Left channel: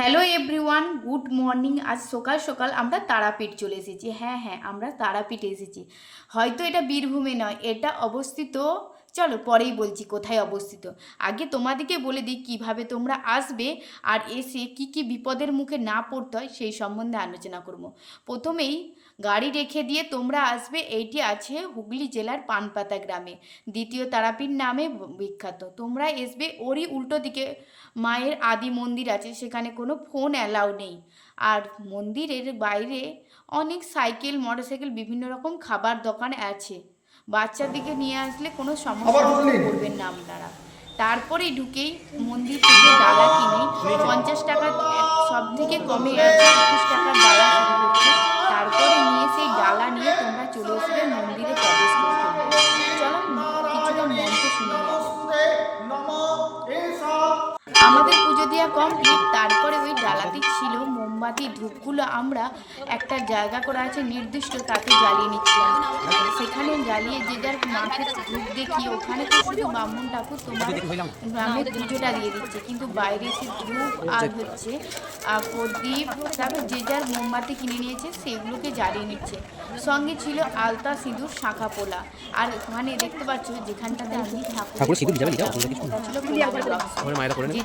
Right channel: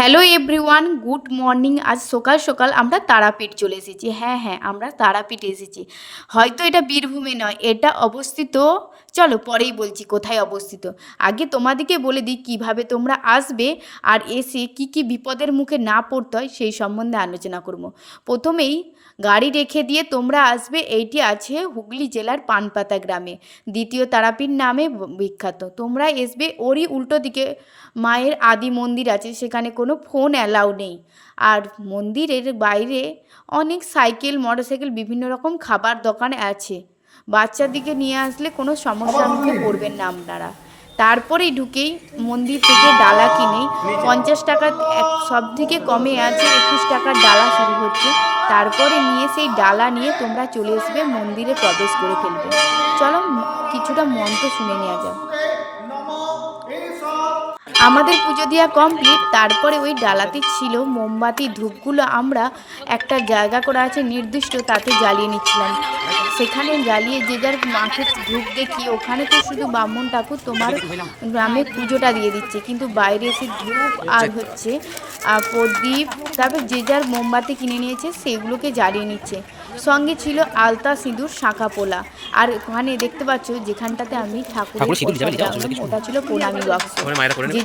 Hello everyone, good morning. আজ সকাল সকাল আমরা তারাপীঠ চলে এসেছি। হ্যাঁ হ্যাঁ আমরা তারাপীঠ এসেছি। হয়তো এটা বীরভূমে নয়, এটা অবস্থিত, চলো পরেই বলছি কোথায় অবস্থিত। আগে তোমাদেরকে বলে দিই কীভাবে তোমরা আসবে আর এসে কি কি বিপদের মুখে না পড়তে হয় সেই সম্বন্ধে আলোচনা করব। প্রথমেই গাড়ি রেখে দিয়ে তোমরা আসবে এইটি আছে হুগলি জেলার পানপাতা গ্রামে। দ্বিতীয় তারাপীঠ নামে বিখ্যাত। তোমরা আসবে ওরই উল্টো দিকে মায়ের আদি মন্দির আছে সেখানে কোনো ফোন অ্যালাউ নেই। আর মন্দিরের বাইরে অনেক সাইকেল মোটরসাইকেল বিভিন্ন রকম খাবার দোকান আছে। বাচ্চাদিকে নিয়ে আসলে কোনো সমস্যা মুখে পড়বেন না আপনারা। তারপরেই ঢুকেই মন্দির থেকে ডালা কিনে পঞ্চাশ টাকা সব থেকে কমে আছে একুশ টাকার ডালা শুরু তারপরে নিয়ে সেই ডালা নিয়ে তোমরা চলে আসবে মন্দিরে প্রবেশ করে ফেলবে। চলো কিছুটা মন্ত্র শুনে নেওয়া যাক। আমাদের পুজো দেওয়া কমপ্লিট তারপরে ওই ডালাতে ছিল মোমবাতি ধূপগুলো আমরা একটা জায়গা করা আছে নির্দিষ্ট তাতে জ্বালিয়ে নিচ্ছিলাম। সেখানে জ্বালিয়ে যে যার মাঠের ধূপ দেখি ওখানে তো শুধু ব্রাহ্মণ ঠাকুর তোমার গ্রামে পুজোটা দিয়ে দিচ্ছে। কিন্তু বাইরে এসে ধূপ আর হচ্ছে আর প্রদীপ তারপর যে যার মোমবাতি কিনে নিয়েছে সেগুলোকে জ্বালিয়ে নিচ্ছে। সঙ্গে ছিল আলতা সিঁদুর শাঁখা পোলা। আর ওখানে দেখতে পাচ্ছ যেখানটাতে আমি ঠাকুর। ওটা ছিল প্রণামী বাক্স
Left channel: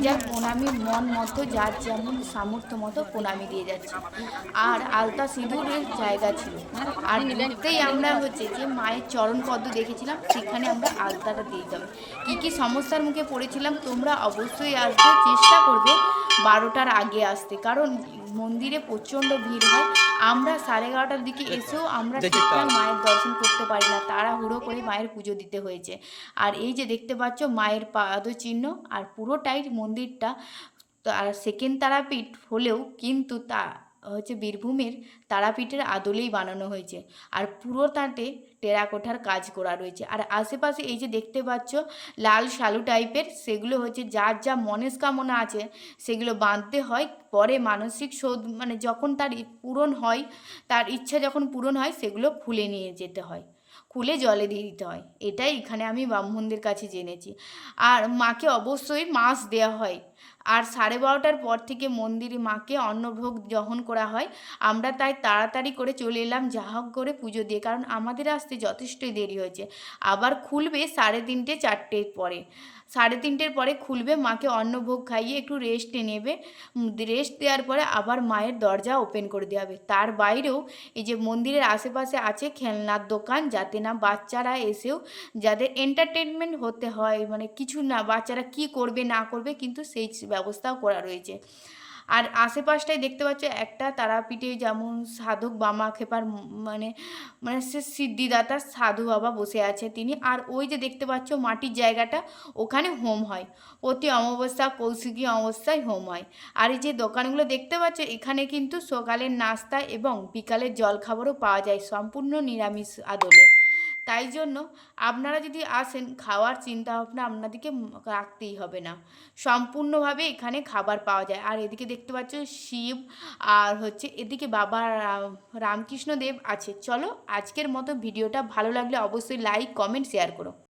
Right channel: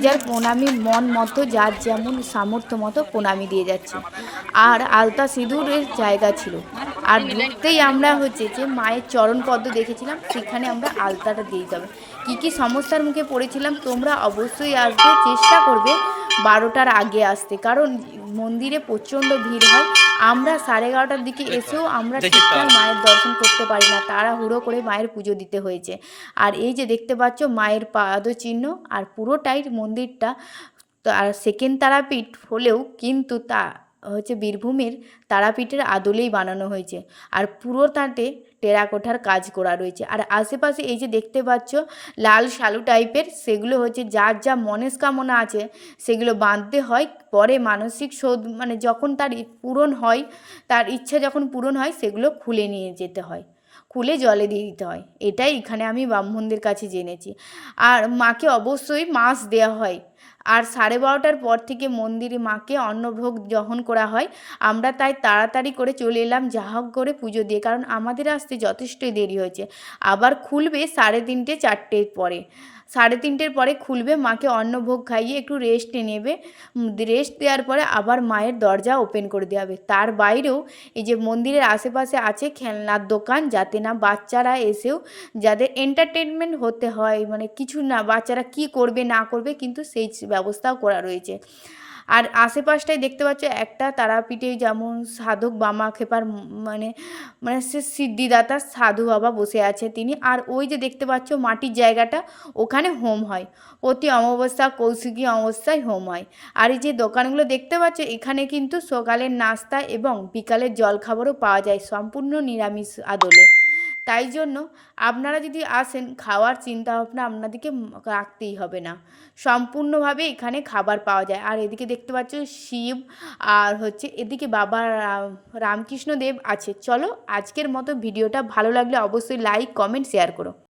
যার প্রণামী মন মতো, যার যেমন সামর্থ্য মতো প্রণামী দিয়ে যাচ্ছে। আর আলতা সিঁদুরের জায়গা ছিল। আর ঢুকতেই আমরা হচ্ছে যে মায়ের চরণ পদ্ম দেখেছিলাম, সেখানে আমরা আলতাটা দিয়ে যাব কী কী সমস্যার মুখে পড়েছিলাম, তোমরা অবশ্যই আসবে, চেষ্টা করবে বারোটার আগে আসতে। কারণ মন্দিরে প্রচণ্ড ভিড় হয় আমরা সাড়ে এগারোটার দিকে এসেও আমরা ঠিকঠাক মায়ের দর্শন করতে পারি না। তারা হুড়ো করে মায়ের পুজো দিতে হয়েছে। আর এই যে দেখতে পাচ্ছ মায়ের পাদচিহ্ন আর পুরোটাই মন্দিরটা আর সেকেন্ড তারাপীঠ হলেও কিন্তু তা হচ্ছে বীরভূমের তারাপীঠের আদলেই বানানো হয়েছে। আর পুরো তাঁতে টেরাকোঠার কাজ করা রয়েছে। আর আশেপাশে এই যে দেখতে পাচ্ছ, লাল শালু টাইপের, সেগুলো হচ্ছে যার যা মনস্কামনা আছে, সেগুলো বাঁধতে হয়। পরে মানসিক শোধ মানে যখন তার পূরণ হয়, তার ইচ্ছা যখন পূরণ হয়, সেগুলো খুলে নিয়ে যেতে হয়। খুলে জলে দিয়ে দিতে হয়। এটাই এখানে আমি ব্রাহ্মণদের কাছে জেনেছি। আর মাকে অবশ্যই মাছ দেওয়া হয়। আর সাড়ে বারোটার পর থেকে মন্দিরে মাকে অন্নভোগ দহন করা হয়। আমরা তাই তাড়াতাড়ি করে চলে এলাম যা হোক করে পুজো দিয়ে, কারণ আমাদের আসতে যথেষ্টই দেরি হয়েছে। আবার খুলবে সাড়ে তিনটে, চারটের পরে। সাড়ে তিনটের পরে খুলবে, মাকে অন্নভোগ খাইয়ে একটু রেস্ট নেবে। রেস্ট দেওয়ার পরে আবার মায়ের দরজা ওপেন করে দেওয়া হবে। তার বাইরেও এই যে মন্দিরের আশেপাশে আছে খেলনার দোকান, যাতে না বাচ্চারা এসেও যাদের এন্টারটেনমেন্ট হতে হয় মানে কিছু না, বাচ্চারা কি করবে না করবে, কিন্তু সেই ব্যবস্থাও করা রয়েছে। আর আশেপাশটায় দেখতে পাচ্ছ একটা তারাপীঠে যেমন সাধক বামা খেপার মানে মানে সে সিদ্ধিদাতা সাধু বাবা বসে আছে তিনি। আর ওই যে দেখতে পাচ্ছ মাটির জায়গাটা ওখানে হোম হয়। প্রতি অমাবস্যা, কৌশিকী অমাবস্যায় হোম হয়। আর এই যে দোকানগুলো দেখতে পাচ্ছ এখানে কিন্তু সকালের নাস্তা এবং বিকালের জলখাবারও পাওয়া যায় সম্পূর্ণ নিরামিষ আদলে। তাই জন্য আপনারা যদি আসেন, খাওয়ার চিন্তা ভাবনা আপনাদেরকে রাখতেই হবে না। সম্পূর্ণভাবে এখানে খাবার পাওয়া যায়। আর এদিকে দেখতে পাচ্ছ শিব আর হচ্ছে এদিকে বাবা রামকৃষ্ণ দেব আছে। চলো আজকের মতো ভিডিওটা ভালো লাগলে অবশ্যই লাইক কমেন্ট শেয়ার করো।